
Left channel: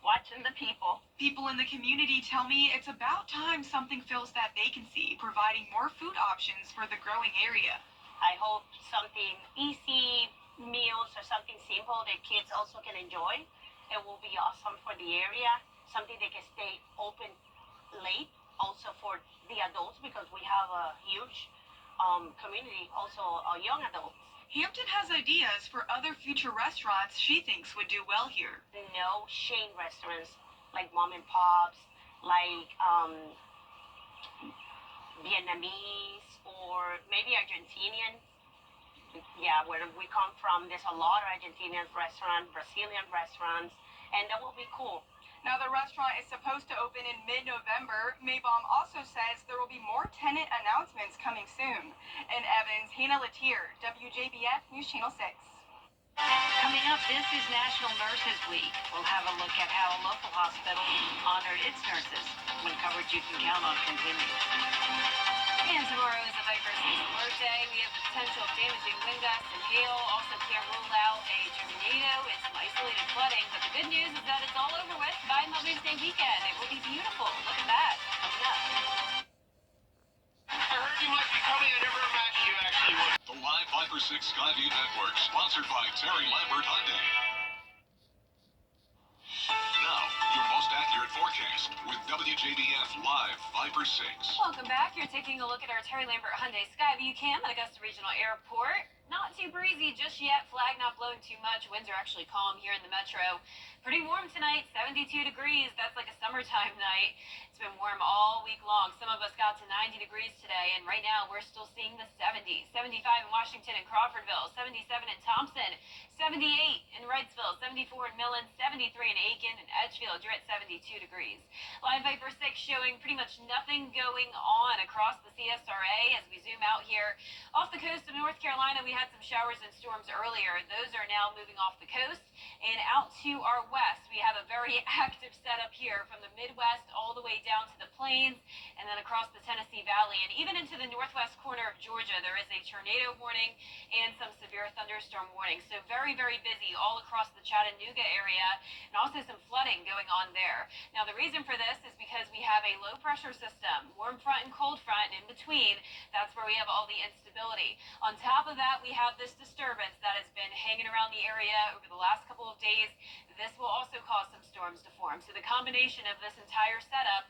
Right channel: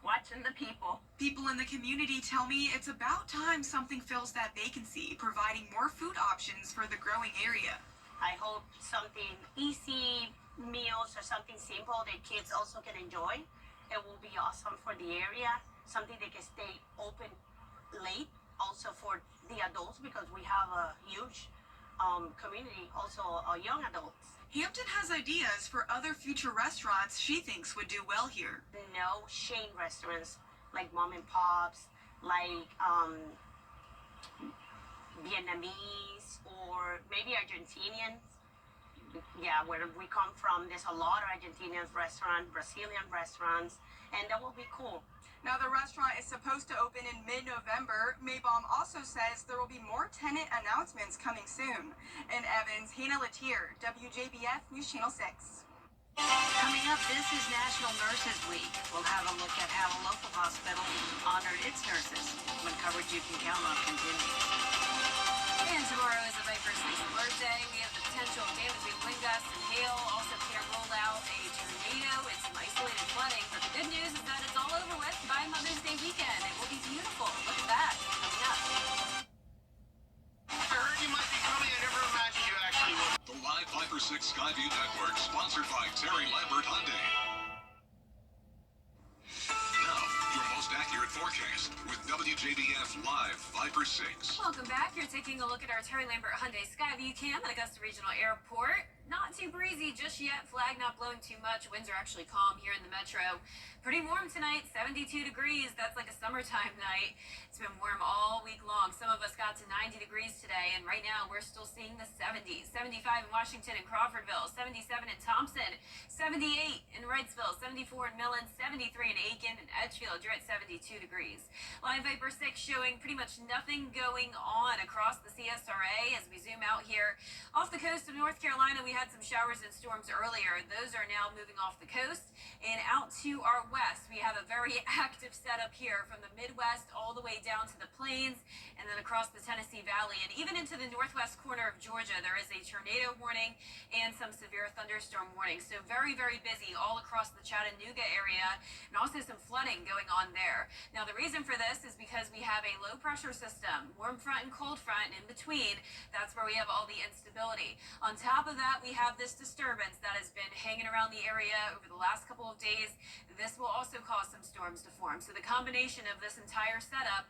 watching the people. People in the community tell me it's about time something fills that vacancy, providing more food options for the growing area. I hope something easy meals or something simple that kids also can enjoy. It will be awesome for the area. Something that can stay open late, also for the adults, because we have a huge community, also young adults. Hampton has ideas for other future restaurants she thinks would do well here. No chain restaurants like mom and pops, like Vietnamese or maybe Argentinian. Yeah, where we come from, there's a lot of Argentinian restaurants, Brazilian restaurants, and that will be cool. Now, the restaurant is supposed to open in mid-November. Maybaum also says there will be more tenant announcements coming soon. In Evans, Hannah Latier, WJBF News Channel 6. Coming up, this is National Nurses Week. We'll have a look at how a local hospital honored its nurses when coverage you can count on continues. And tomorrow is a Viper 6 alert day. We have the potential of damaging wind gusts and hail. Also can't rule out a tornado and some isolated flooding. But the good news is that it's all over with by Mother's Day weekend. It will be beautiful. Look at that coming up. I heard you might be coming. I never imagined you actually would. The live Viper 6 Skyview Network, sponsored by Terry Lambert Hyundai. Now, your most accurate forecast with WJBF Live Viper 6. Welcome back. You're taking a look at our Terry Lambert Hyundai Skyview cam at Augusta Regional Airport. Not too breezy just yet. Flag not blowing too much. Winds are actually calm here in the metro. Pretty warm tonight, 72 degrees. That's like a summertime night. It's been warm all week long. Some of us got to 90 degrees today, and right now we're still seeing the 70s. 75 in Washington and Crawfordville, 77 in Thompson, 78 in Wrightsville, 74 in Millen, 73 in Aiken and Edgefield. You're at 72 degrees. Live Viper 6 showing pretty much nothing going on across the CSRA as we zoom out here. Off the coast of North Carolina, we had some showers and storms earlier. Those are now moving off the coast and out to our west. We have a very active setup here from the Midwest all the way down to the plains and then across the Tennessee Valley and even into the northwest corner of Georgia. There is a tornado warning and some severe thunderstorm warnings. So very, very busy all across the Chattanooga area and also some flooding going on there. Now, the reason for this is because we have a low pressure system, warm front and cold front, and in between, that's where we have all the instability. On top of that, we have this disturbance that has been hanging around the area over the last couple of days. This will also cause some storms to form. So the combination of this entire setup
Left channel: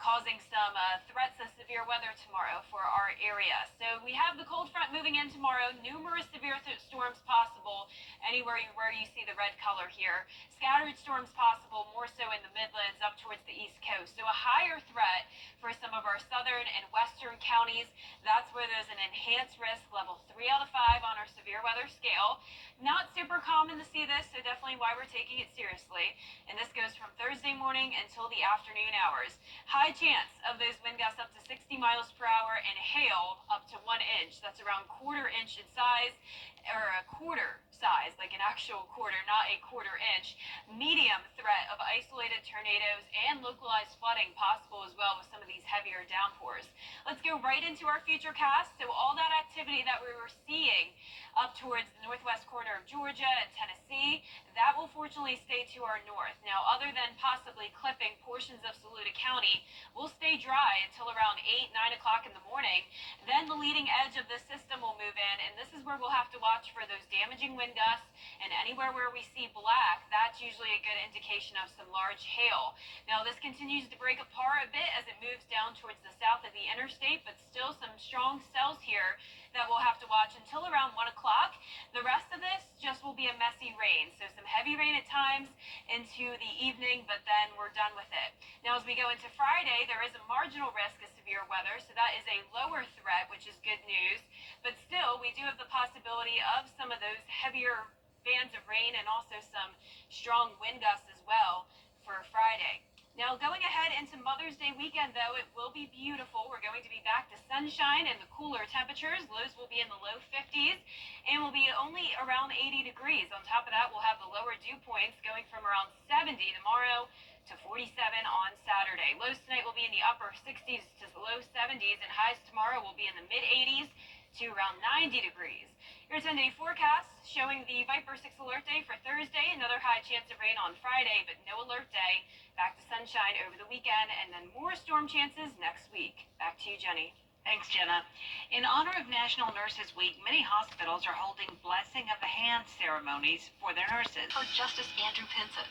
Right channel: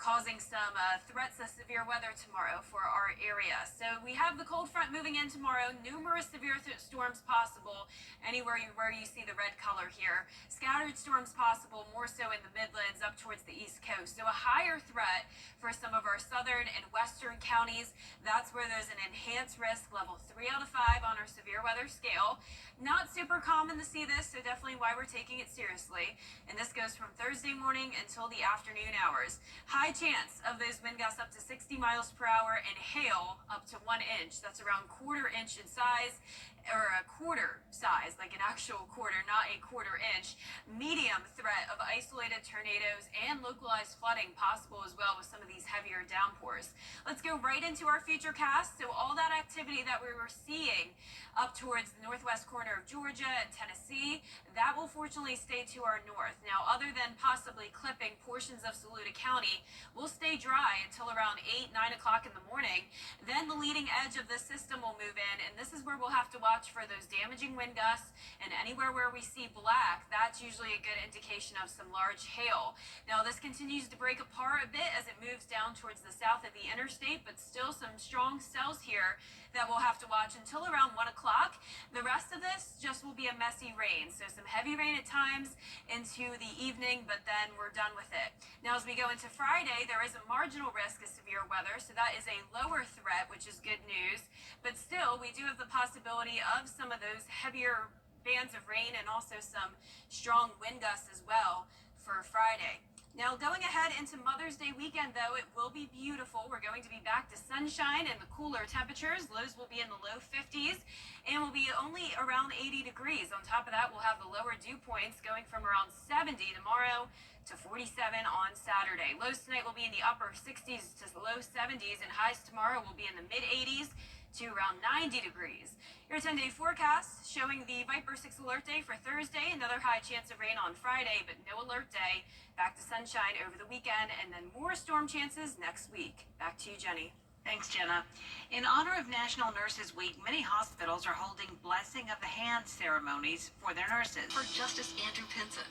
causing some threats of severe weather tomorrow for our area. So we have the cold front moving in tomorrow. Numerous severe storms possible anywhere where you see the red color here. Scattered storms possible more so in the Midlands up towards the East Coast. So a higher threat for some of our southern and western counties. That's where there's an enhanced risk, level 3 out of 5 on our severe weather scale. Not super common to see this, so definitely why we're taking it seriously. And this goes from Thursday morning until the afternoon hours. High chance of those wind gusts up to 60 miles per hour and hail up to 1 inch. That's around quarter inch in size, or a quarter size, like an actual quarter, not a quarter inch. Medium threat of isolated tornadoes and localized flooding possible as well with some of these heavier downpours. Let's go right into our future cast. So all that activity that we were seeing up towards the northwest corner of Georgia and Tennessee, that will fortunately stay to our north. Now, other than possibly clipping portions of Saluda County, we'll stay dry until around 8, 9 o'clock in the morning. Then the leading edge of the system will move in, and this is where we'll have to watch for those damaging wind gusts. And anywhere where we see black, that's usually a good indication of some large hail. Now, this continues to break apart a bit as it moves down towards the south of the interstate, but still some strong cells here that we'll have to watch until around 1 o'clock. The rest of this just will be a messy rain. So some heavy rain at times into the evening, but then we're done with it. Now, as we go into Friday, there is a marginal risk of severe weather. So that is a lower threat, which is good news. But still, we do have the possibility of some of those heavier bands of rain and also some strong wind gusts as well for Friday. Now, going ahead into Mother's Day weekend, though, it will be beautiful. We're going to be back to sunshine and the cooler temperatures. Lows will be in the low 50s and will be only around 80 degrees. On top of that, we'll have the lower dew points going from around 70 tomorrow to 47 on Saturday. Lows tonight will be in the upper 60s to the low 70s, and highs tomorrow will be in the mid-80s to around 90 degrees. Your 10-day forecast showing the Viper 6 alert day for Thursday, another high chance of rain on Friday, but no alert day. Back to sunshine over the weekend, and then more storm chances next week. Back to you, Jenny. Thanks, Jenna. In honor of National Nurses Week, many hospitals are holding blessing of the hand ceremonies for their nurses. For Justice Andrew Pinson.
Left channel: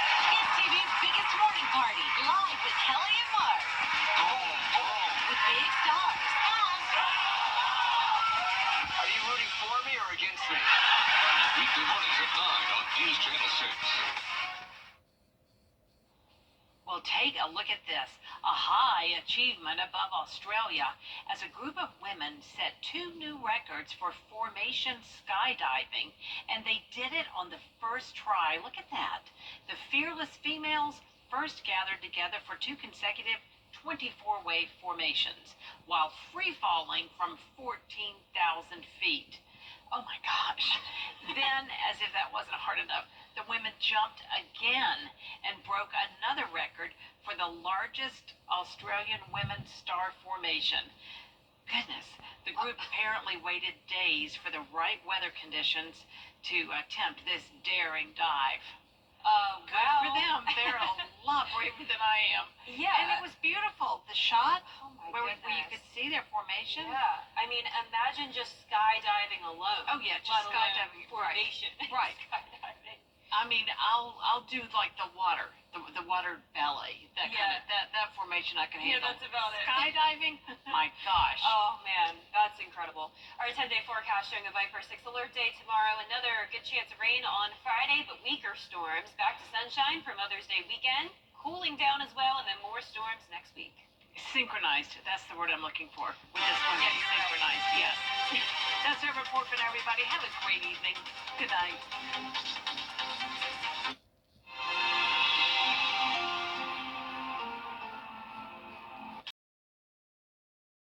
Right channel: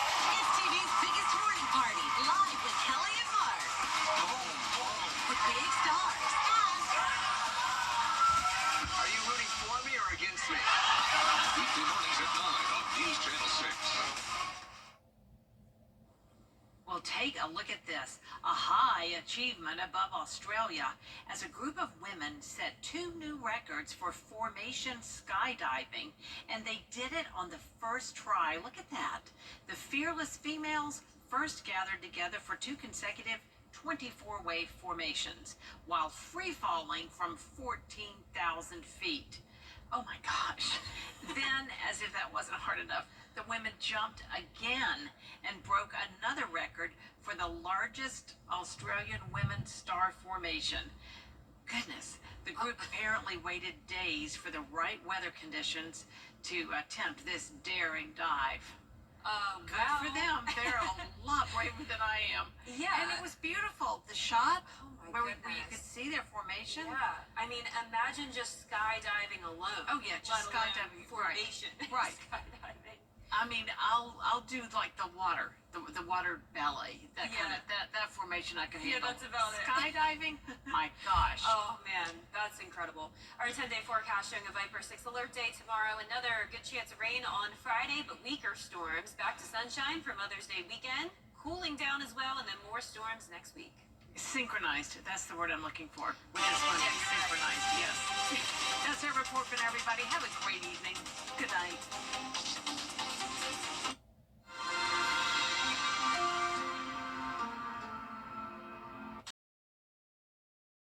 It's TV's biggest morning party, live with Kelly and Mark. With big stars. Are you rooting for me or against me? Weekday mornings at 9 on News Channel 6. Well, take a look at this. A high achievement above Australia as a group of women set 2 new records for formation skydiving, and they did it on the first try. Look at that. The fearless females first gathered together for 2 consecutive 24-wave formations while free falling from 14,000 feet. Oh my gosh. Then, as if that wasn't hard enough, the women jumped again and broke another record for the largest Australian women's star formation. Goodness, the group apparently waited days for the right weather conditions to attempt this daring dive. Good for them. They're a lot braver than I am. Yeah. And it was beautiful. The shot Oh my where goodness. you could see their formation. Yeah. I mean, imagine just skydiving alone. Oh yeah, just let alone skydiving. formation. Right. Skydiving. I mean, I'll do like the water belly, that kind of that formation I can Yeah, handle. that's about it. Skydiving, my gosh. Oh man, that's incredible. Our 10-day forecast showing a Viper 6 alert day tomorrow. Another good chance of rain on Friday, but weaker storms. Back to sunshine for Mother's Day weekend. Cooling down as well, and then more storms next week. Synchronized. That's the word I'm looking for. With this one getting synchronized. Yes. That's our report from everybody. Have a great evening. Good night.